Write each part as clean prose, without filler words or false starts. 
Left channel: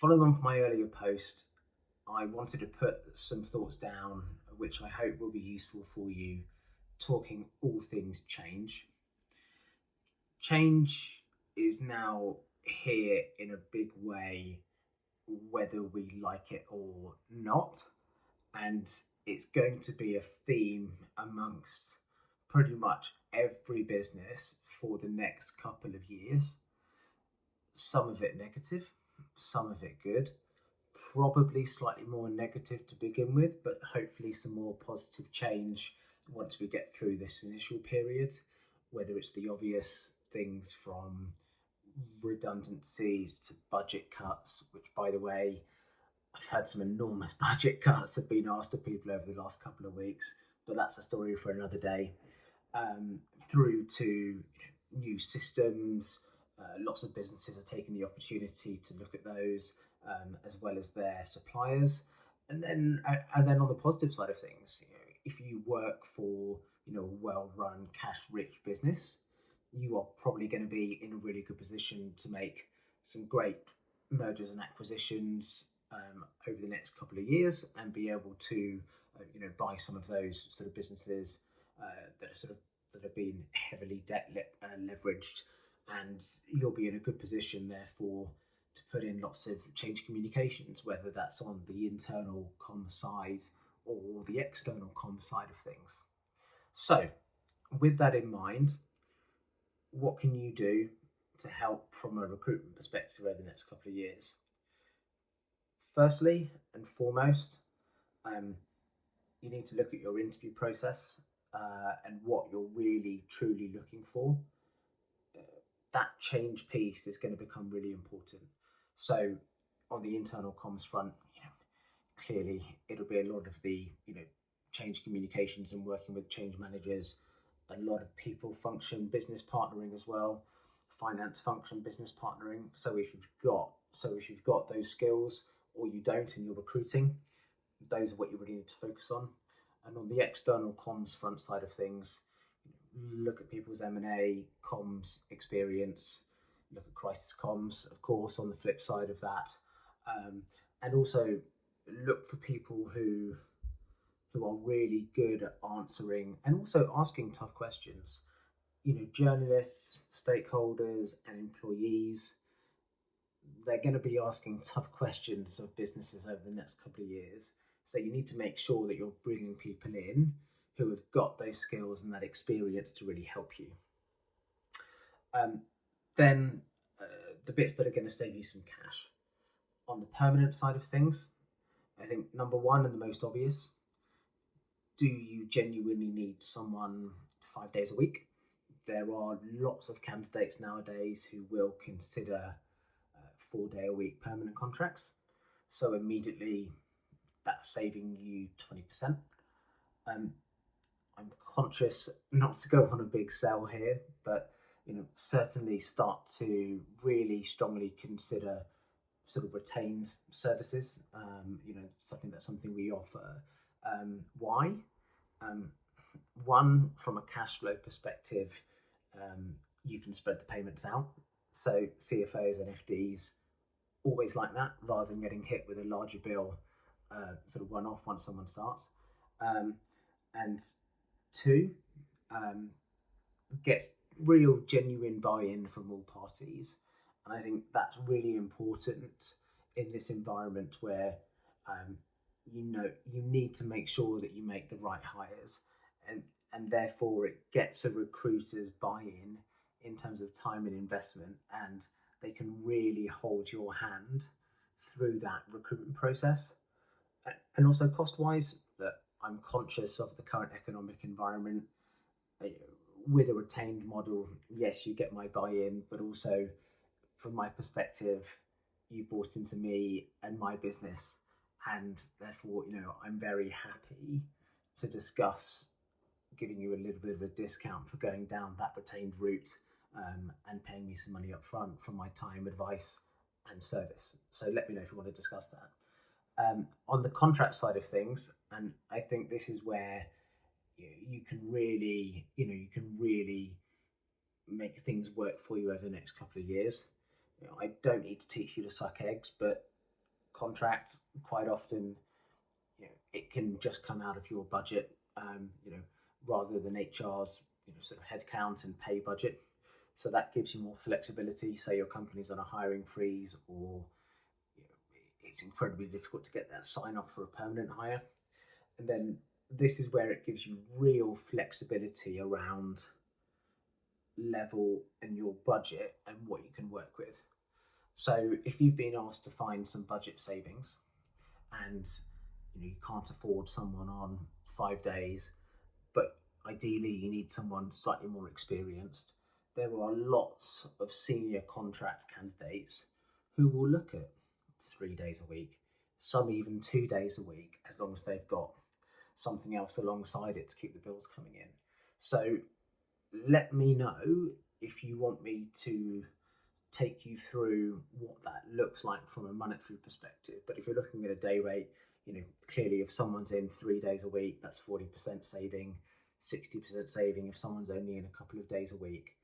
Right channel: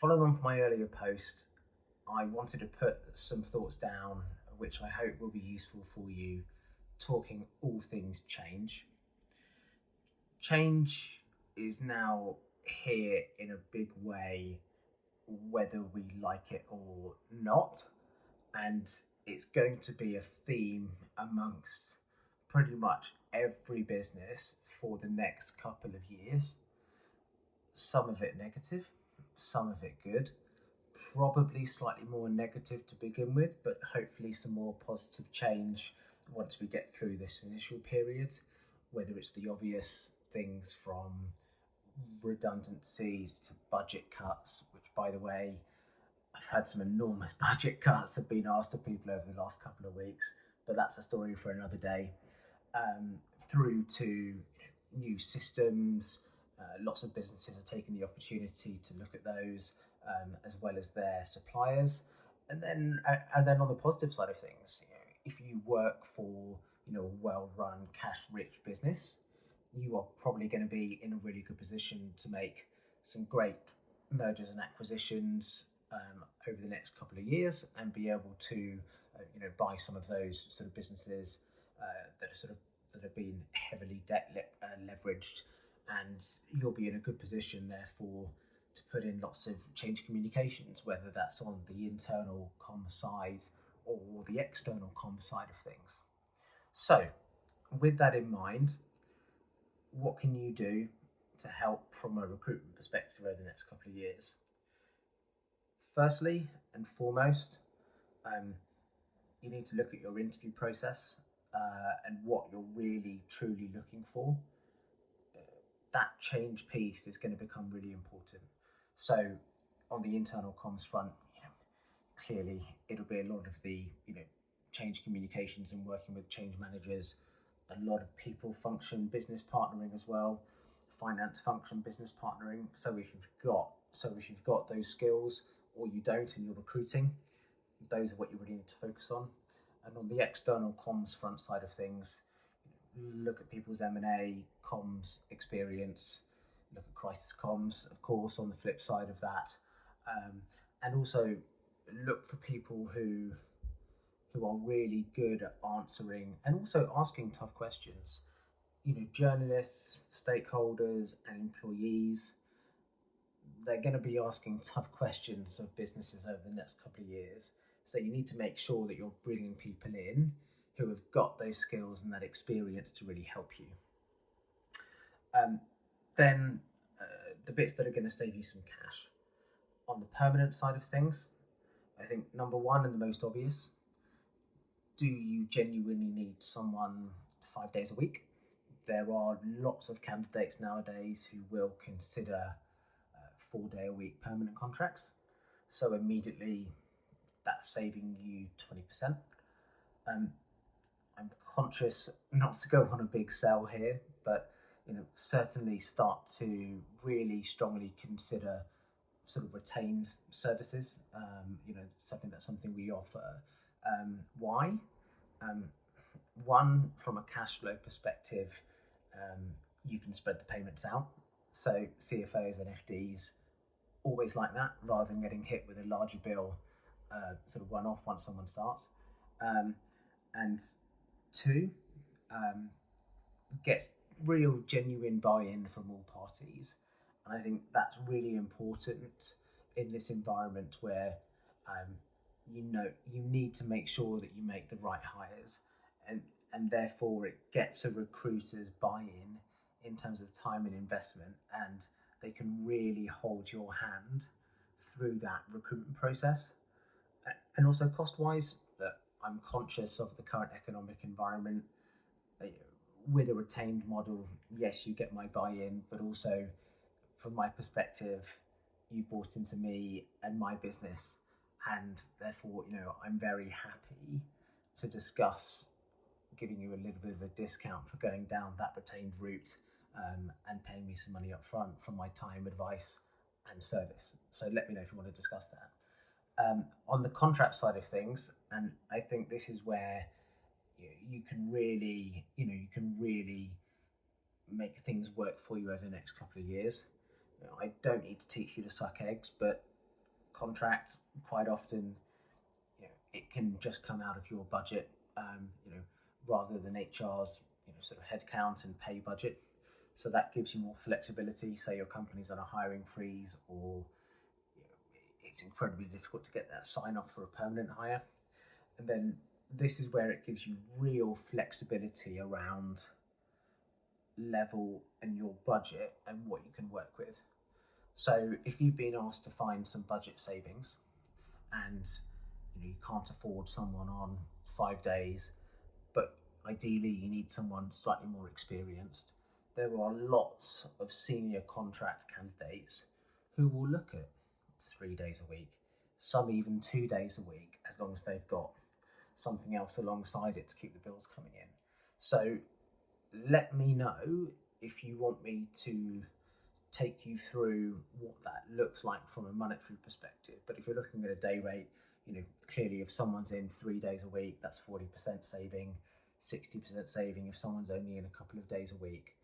Following on from my earlier post, I wanted to put some thoughts down which I hope will be useful for you, talking all things change. Change is now here in a big way, whether we like it or not, and it's going to be a theme amongst pretty much every business for the next couple of years. Some of it negative, some of it good, probably slightly more negative to begin with, but hopefully some more positive change once we get through this initial period, whether it's the obvious things from redundancies to budget cuts, which, by the way, I've had some enormous budget cuts have been asked of people over the last couple of weeks, but that's a story for another day. Through to new systems, lots of businesses are taking the opportunity to look at those, as well as their suppliers, and then on the positive side of things, if you work for a well-run, cash-rich business, you are probably going to be in a really good position to make some great mergers and acquisitions over the next couple of years, and be able to buy some of those sort of businesses that have been heavily leveraged, and you'll be in a good position therefore to put in lots of change communications, whether that's on the internal comm side or the external comm side of things. So, with that in mind, what can you do to help from a recruitment perspective over the next couple of years? Firstly and foremost, um, you need to look at your interview process and what you're really truly looking for. That change piece is going to become really important. So, on the internal comms front, clearly it'll be a lot of the change communications and working with change managers, a lot of people function business partnering as well, finance function business partnering. So if you've got those skills, or you don't and you're recruiting, those are what you really need to focus on. And on the external comms front side of things, look at people's M&A comms experience, look at crisis comms, of course, on the flip side of that, and also look for people who are really good at answering and also asking tough questions. Journalists, stakeholders, and employees, they're going to be asking tough questions of businesses over the next couple of years. So you need to make sure that you're bringing people in who have got those skills and that experience to really help you. Then the bits that are going to save you some cash. On the permanent side of things, I think number one and the most obvious, do you genuinely need someone 5 days a week? There are lots of candidates nowadays who will consider 4 day a week permanent contracts. So immediately that's saving you 20%. I'm conscious not to go on a big sell here, but certainly start to really strongly consider sort of retained services. Something we offer. Why? Um, One, from a cash flow perspective, you can spread the payments out. So CFOs and FDs always like that, rather than getting hit with a larger bill, sort of one off once someone starts. And two, gets real genuine buy-in from all parties, and I think that's really important in this environment where um, you need to make sure that you make the right hires, and therefore it gets a recruiter's buy-in in terms of time and investment, and they can really hold your hand through that recruitment process. And also cost-wise, that I'm conscious of the current economic environment. With a retained model, yes, you get my buy-in, but also from my perspective, you bought into me and my business, and therefore, I'm very happy to discuss giving you a little bit of a discount for going down that retained route, and paying me some money up front for my time, advice, and service. So let me know if you want to discuss that. On the contract side of things, and I think this is where you can really make things work for you over the next couple of years. I don't need to teach you to suck eggs, but contract, quite often, it can just come out of your budget, rather than HR's, sort of headcount and pay budget. So that gives you more flexibility. Say your company's on a hiring freeze, or it's incredibly difficult to get that sign off for a permanent hire. And then this is where it gives you real flexibility around level and your budget and what you can work with. So if you've been asked to find some budget savings, and you can't afford someone on 5 days, but ideally you need someone slightly more experienced, there are lots of senior contract candidates who will look at 3 days a week, some even 2 days a week, as long as they've got something else alongside it to keep the bills coming in. So let me know if you want me to take you through what that looks like from a monetary perspective. But if you're looking at a day rate, clearly if someone's in 3 days a week, that's 40% saving, 60% saving if someone's only in a couple of days a week.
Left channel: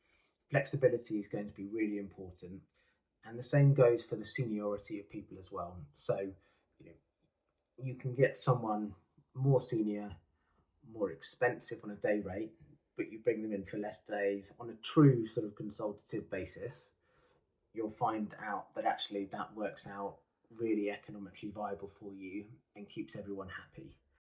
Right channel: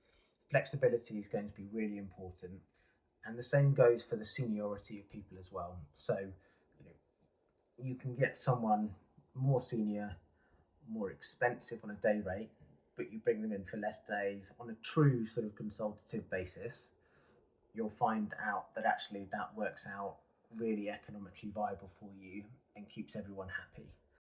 Flexibility is going to be really important. And the same goes for the seniority of people as well. So, you can get someone more senior, more expensive on a day rate, but you bring them in for less days on a true sort of consultative basis, you'll find out that actually that works out really economically viable for you and keeps everyone happy.